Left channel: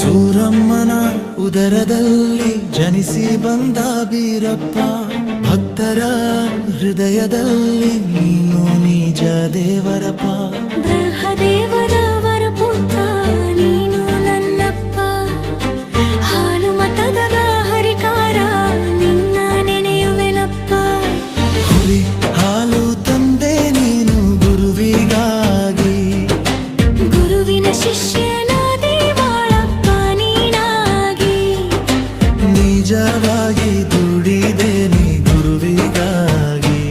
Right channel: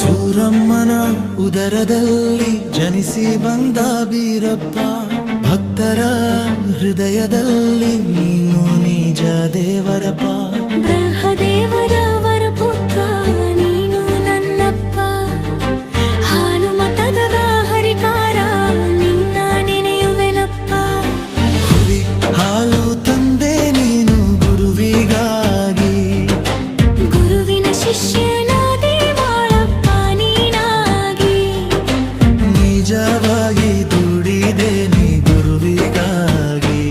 ಸೂರಮ್ಮನ ಉದರದಲ್ಲಿ ಜನಿಸಿ ಬಂದ ಬೀರಪ್ಪ, ಭಕ್ತರ ಹೃದಯದಲ್ಲಿ ನೀನು ನಿಜ ದೇವರಪ್ಪ. ಬ್ರಹ್ಮದೇವರ ವರಪುತ್ರ ನೀನು ನನ್ನಪ್ಪ, ಹಾಲು ಮತದ ಹರಿಕಾರ ನಿನ್ನ ನೆನೆಯುವೆನಪ್ಪ. ಹುಲಿ ಹಾಲು ತಂದೆ ನೀನು ಗುರುವಿಗಾಗಿ, ಗುರುವಿನ ಶಿಷ್ಯನಾದೆ ಬಾಳಪ್ಪ ನೀನಾಗಿ. ನಿಜವಾಗಿ ದುಡಿದೆ ನೀ ಗುರುವಿಗಾಗಿ,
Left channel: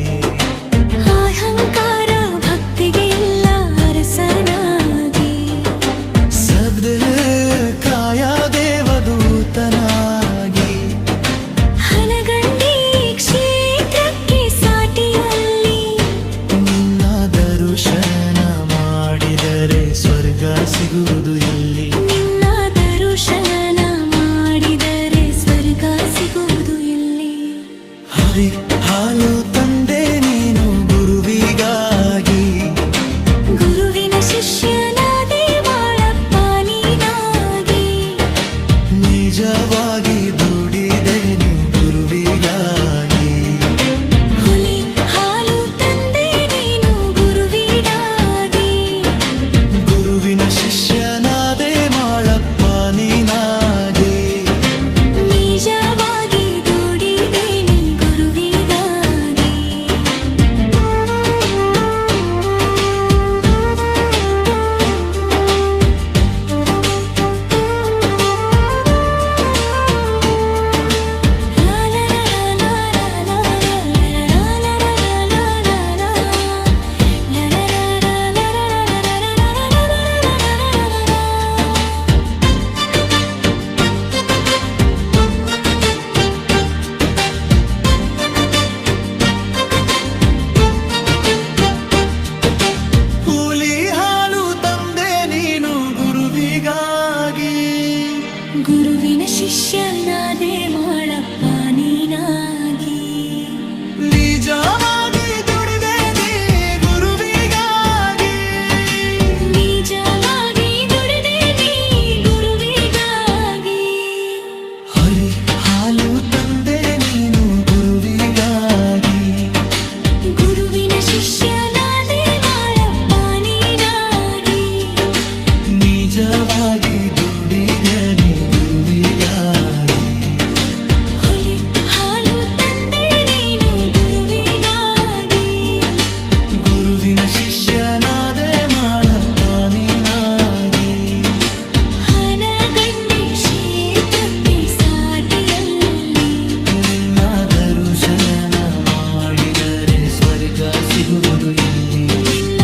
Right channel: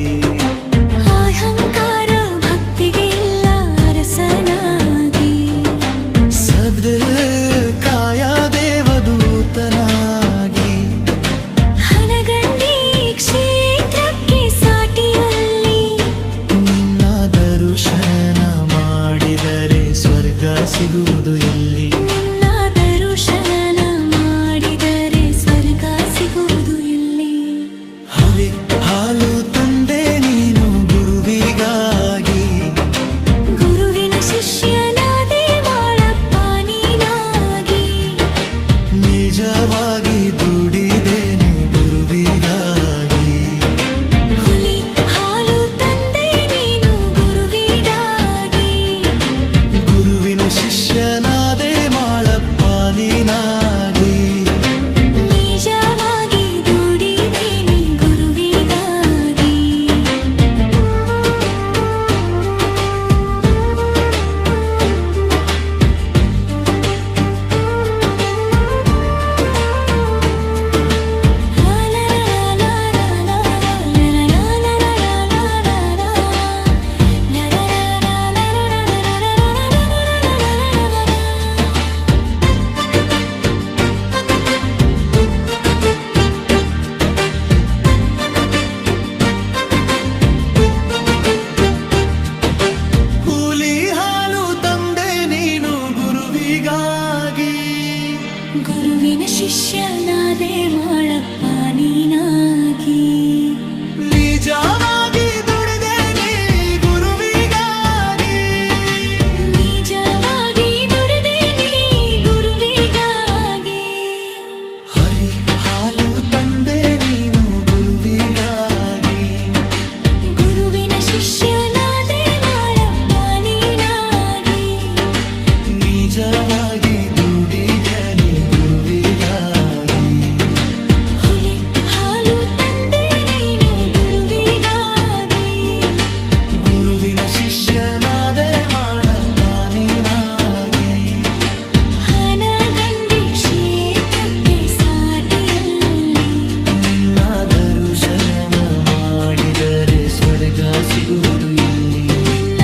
ಅಹಂಕಾರ ಭಕ್ತಿಗೆ ಇಲ್ಲ ಅರಸನಾಗಿ. ಕಾಯ ದೇವದೂತನಾಗಿ, ಹನಗಂಡಿ ಕ್ಷೇತ್ರಕ್ಕೆ ಸಾಟಿಯಲ್ಲಿ ನಿನ್ನ ದರ್ಶನ ಮಾಡಿದರೆ ಸ್ವರ್ಗ ಸಿಗುವುದು ಎಲ್ಲಿ. ನಿನ್ನ ದರ್ಶನ ಮಾಡಿದರೆ ಸ್ವರ್ಗ ಸಿಗುವುದು ಎಲ್ಲಿ. ಹರಿ ಹಾಲು ತಂದೆ ನೀನು ಗುರುವಿಗಾಗಿ, ಗುರುವಿನ ಶಿಷ್ಯನಾದೆ ಬಾಳಪ್ಪ ನೀನಾಗಿ. ನಿಜವಾಗಿ ದುಡಿದೆ ನೀ ಗುರುವಿಗಾಗಿ, ಹುಲಿ ಹಾಲು ತಂದೆ ನೀನು ಗುರುವಿಗಾಗಿ. ಗುರುವಿನ ಶಿಷ್ಯನಾದೆ ಮಾಳಪ್ಪ ನೀನಾಗಿ. ನಿಜವಾಗಿ ದುಡಿದೆ ನೀ ಗುರುವಿಗಾಗಿ. ಹುಲಿ ಹಾಲು ತಂದೆ ನೀನು ಗುರುವಿಗಾಗಿ, ಗುರುವಿನ ಶಿಷ್ಯನಾದೆ ಮಾಳಪ್ಪ ನೀನಾಗಿ. ನಿಜವಾಗಿ ದುಡಿದೆ ನೀ ಗುರುವಿಗಾಗಿ, ನಿಜವಾಗಿ ದುಡಿದೆ ನೀ ಗುರುವಿಗಾಗಿ. ಹರಿ ಹಾಲು ತಂದೆ ನೀನು ಗುರುವಿಗಾಗಿ, ಗುರುವಿನ ಶಿಷ್ಯನಾದೆ ಮಾಳಪ್ಪ ನೀನಾಗಿ. ನಿಜವಾಗಿ ದುಡಿದೆ ನೀ ಗುರುವಿಗಾಗಿ, ಹುಲಿ ಹಾಲು ತಂದೆ ನೀನು ಗುರುವಿಗಾಗಿ. ಗುರುವಿನ ಶಿಷ್ಯನಾದೆ ಮಾಡಪ್ಪ ನೀನಾಗಿ. ಹನಗಂಡಿ ಕ್ಷೇತ್ರಕ್ಕೆ ಸಾಟಿಯಲ್ಲಿ ನಿನ್ನ ದರ್ಶನ ಮಾಡಿದರೆ ಸ್ವರ್ಗ ಸಿಗುವುದು ಇಲ್ಲಿ. ನಿನ್ನ